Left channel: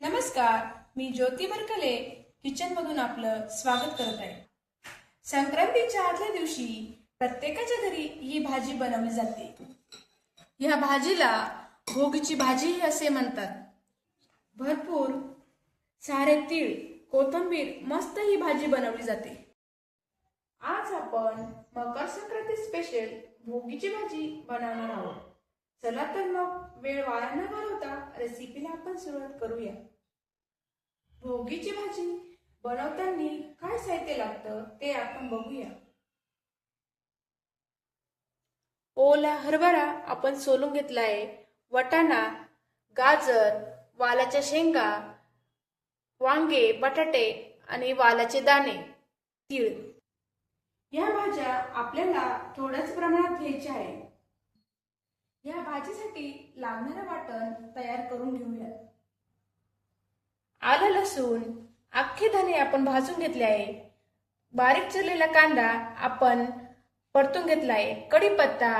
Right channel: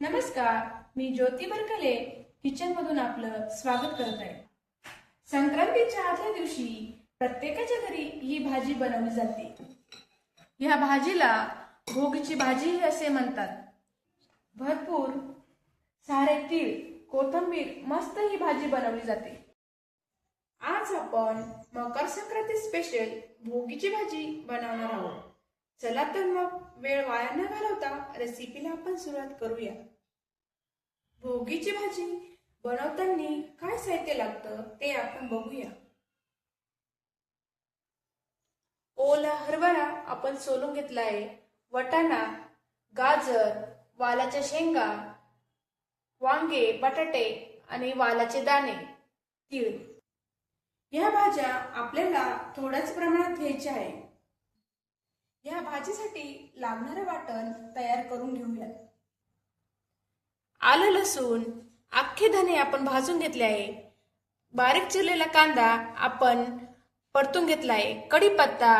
नमस्कार, मी ज्योती Berkeley kitchen मधून आपलं स्वागत करत आहे. संक्रांतीच्या आदल्या दिवशी प्रत्येकाच्या घरी ही भाजी बनवली जाते. या भाजीला भोगीची भाजी असे म्हणतात. भरपूर सारे तीळ, कोथिंबीर मस्त ही भाजी बनवली जाते. आज आपण मकर संक्रांती स्पेशल भोगीची भाजी बनवणार आहोत. चला तर मग वेळ वाया न घालवता रेसिपीला आपण सुरुवात करूया. भोगीची भाजी बनवताना काय साहित्य लागतं ते आपण बघूया. ओला हरभरा आपण सोलून घेतला आहे. वाटाणा, गाजर, वालाच्या शेंगा, वांगे, बटाटे आणि वालाचे दाणे, तीळ. या भाज्या आपल्याला थोड्याच प्रमाणात घ्यायच्या आहे. या भाजीसाठी लागणारं वाटण तयार करून घेऊया. आलं, लसूण, अख्खे धने आपण भाजून घेतले आहे. बारीक चिरलेला कांदा आपण परतून घेतला आहे. कढीपत्ता,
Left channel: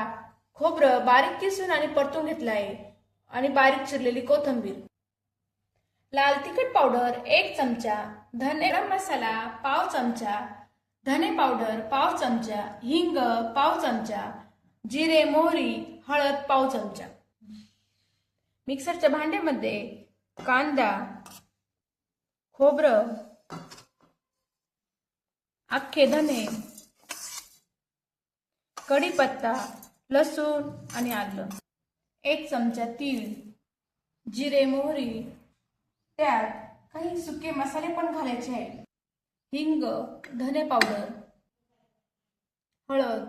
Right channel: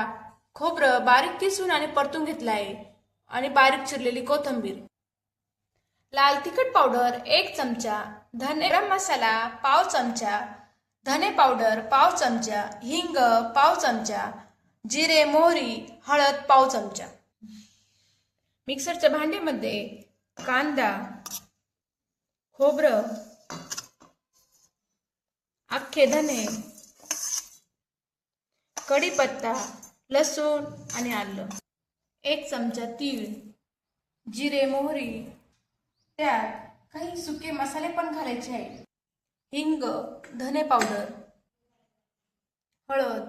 खोबरं बारीक किसून आणि परतून घेतला आहे आणि बारीक चिरलेली कोथिंबीर. लाल तिखट पावडर 1 चमचा, गरम मसाला पाव चमचा, धने पावडर पाव चमचा, हिंग पाव चमचा, जिरे, मोहरी, हळद पाव चमचा. मिक्सरच्या भांड्यामध्ये कांदा, खोबरं, अख्खे धने, कढीपत्ता, लसूण आणि आलं, 1 चमचा तीळ, जिरे, मोहरी, त्यात काही सुके मसाले पण घालायचे आहेत. हिंग, धने पावडर, हळद,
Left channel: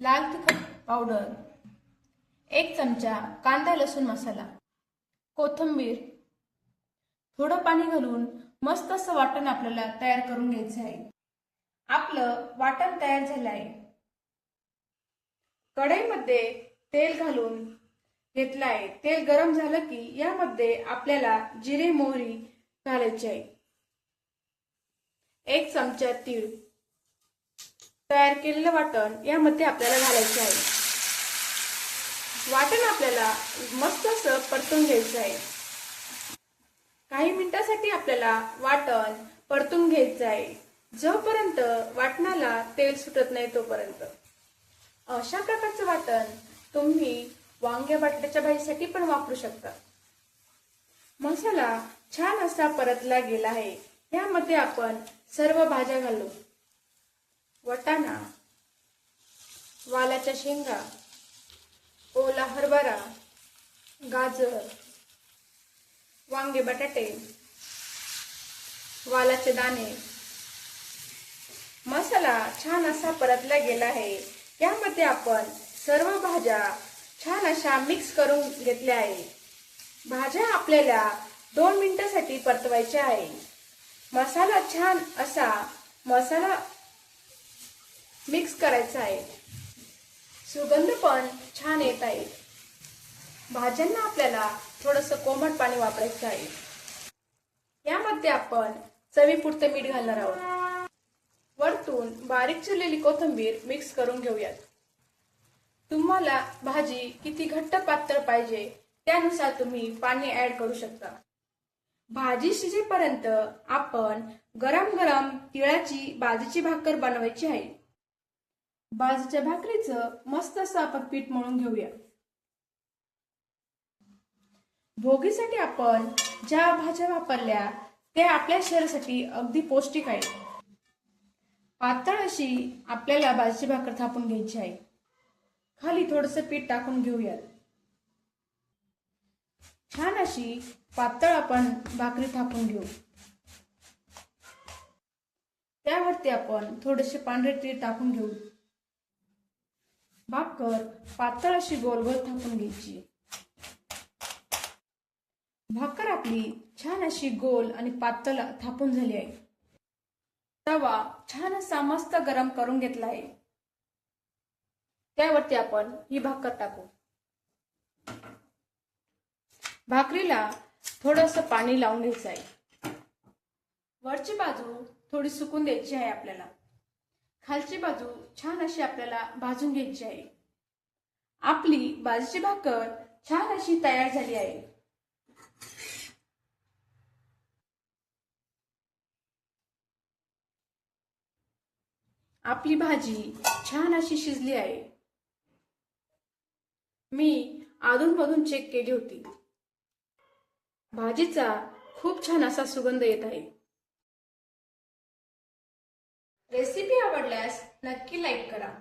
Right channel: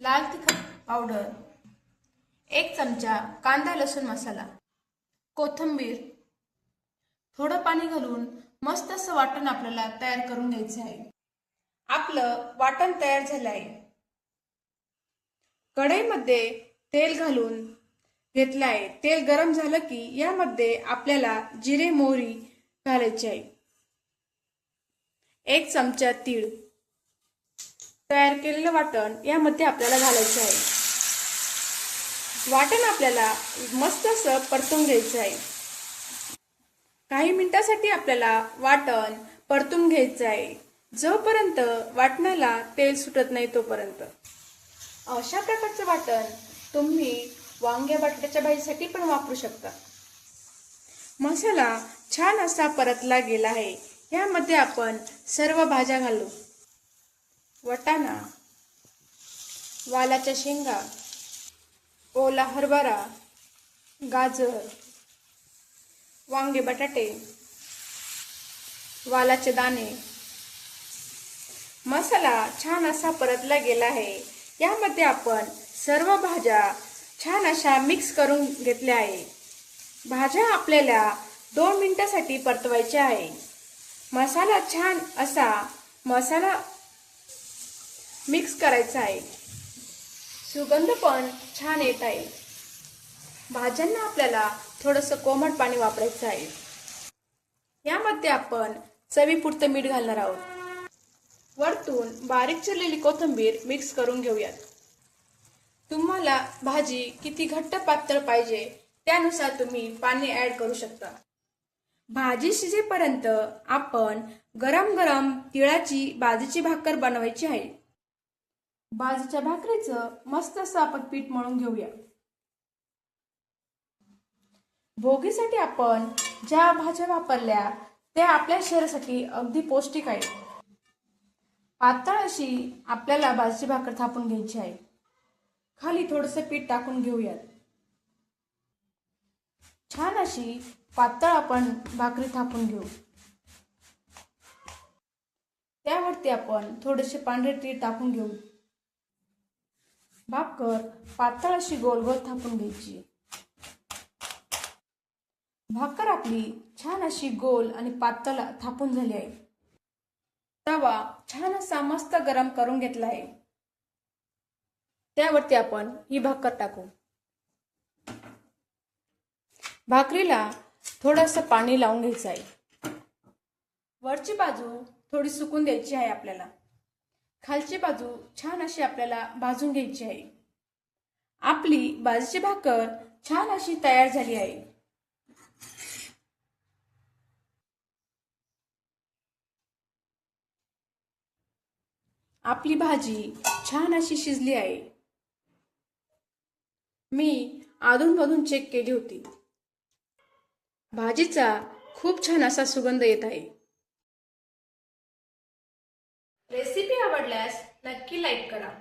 लाल तिखट पावडर, 1 चमचा कांदा लसूण मसाला, कोथिंबीर, थोडं पाणी घालून मस्त असं वाटण आपल्याला तयार करून घ्यायचं आहे. आपलं वाटण तयार झालं आहे. कढईमध्ये तेल घालून घेतलं आहे. तेल गरम झालं की यामध्ये आपल्याला जिरे, मोहरी घालायची आहे. 1 चमचा तीळ, तयार केलेलं वाटण यामध्ये आपल्याला घालायचे आहे. वाटण आपल्याला मस्त असं परतून घ्यायचं आहे. काही मिनिटांसाठी आपल्याला वाटण परतून घ्यायचं आहे, जोपर्यंत वाटणाला तेल सुटत नाही तोपर्यंत. अशा प्रकारचं वाटण तुम्ही वांगे बटाट्याच्या भाजीसाठी पण वापरू शकता. मसाला छान असा परतला गेला आहे. यामध्ये आपण सर्व भाज्या घालू. वाटाणा, वालाच्या शेंगा, ओला हरभरा, गाजर, वांगे बटाटे, वालाचे दाणे. मसाला छान असा परतला गेला आहे. यामध्ये आपण सर्व भाज्या छान अशा मिक्स करून घेतल्या आहे. भाज्या आपल्याला 2 मिनिटांसाठी परतवायच्या आहे. मसाला छान असा मिक्स करायचा आहे. सुगंध पण छान येत आहे. भाज्यांना आपल्याला थोडंसं कोमट पाणी वापरायचं आहे. यामध्ये आपण चवीपुरतं मीठ घालणार आहोत. वरतून बारीक चिरलेली कोथिंबीर मिक्स करून घेऊयात. तुम्हाला भाजी किती घट्ट पातळ पाहिजे त्यानुसार तुम्ही पाणी ऍड करू शकता. भाजी शिजेपर्यंत आपण गरम गरम तिळाची बाजरीची भाकर बनवायची आहे. बाजरीच्या भाकरीचं मस्त असं आपण पीठ मळून घेऊया. भोगीसाठी आपण ज्या भाज्या वापरल्या त्या आपल्या शरीरासाठी अगदी पौष्टिक आहे. पातळ अशी आपल्याला बाजरीची भाकर थापून घ्यायची आहे. खाली थोडंसं पीठ टाकून घेऊयात. छान अशी पातळ आपण भाकरी थापून घेऊ. त्यावरती आपण थोडेसे पांढरे तीळ टाकून घेऊ. भाकर पातळ अशी गोल गोल थापून घ्यायची. भाकर आपली छान अशी गोल आणि पातळ थापून झाली आहे. तवा छान असा मस्त गरम करून घेतला आहे. त्यावरती आपण ही भाकर टाकू. भाकरीला थोडंसं पाणी लावून घ्यायचं आहे. वरची बाजू थोडी सुकून द्यायची आहे आपल्याला. खालची बाजू छान अशी आपल्याला भाजून घ्यायची आहे. आपली बाजरीची भाकर छान अशी तयार झाली आहे. आपली भाजी छान अशी शिजली आहे. मी अधूनमधून चेक केली होती. भाजीचा खूप छान असा सुगंध येत आहे. रेसिपी आवडल्यास नक्की लाईक करा.